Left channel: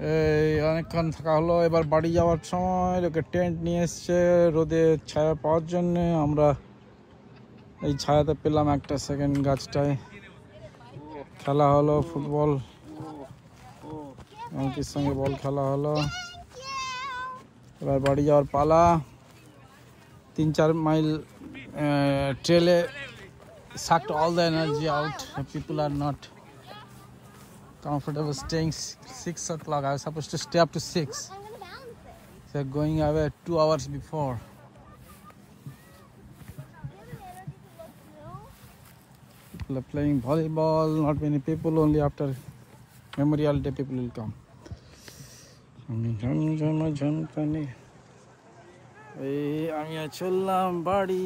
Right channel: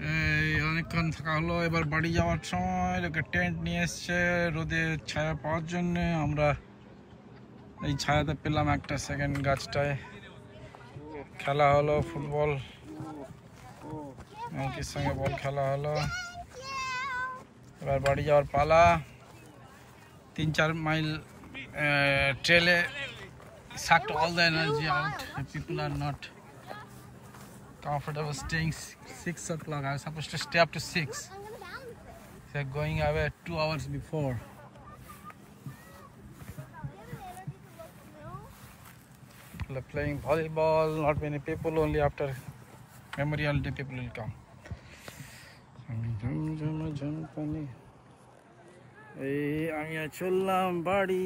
এই অনেকক্ষণ থাকা হলো, এবার বাড়ি যাওয়ার সময় লোকে টেন্ট নিয়ে এসছে রোদে ছায়া পাওয়ার জন্য। আমরা এই ছায়াতে পেলাম একটা সেকেন্ড গাছটায়। খেলা হলো ফুটবল, এমকির সঙ্গে বল খেলা হলো। এবার বাড়ি যাওয়ার পালা। 3-4 মাইল ট্রেলে sucked all the energy out. The people are not comfortable staying 6 o'clock. I was supposed to stay up to 6. They're going away 2 hours before. People are playing volleyball. Not many people. Only after Memorial Day people will come. এই আমি চললাম বাড়ি।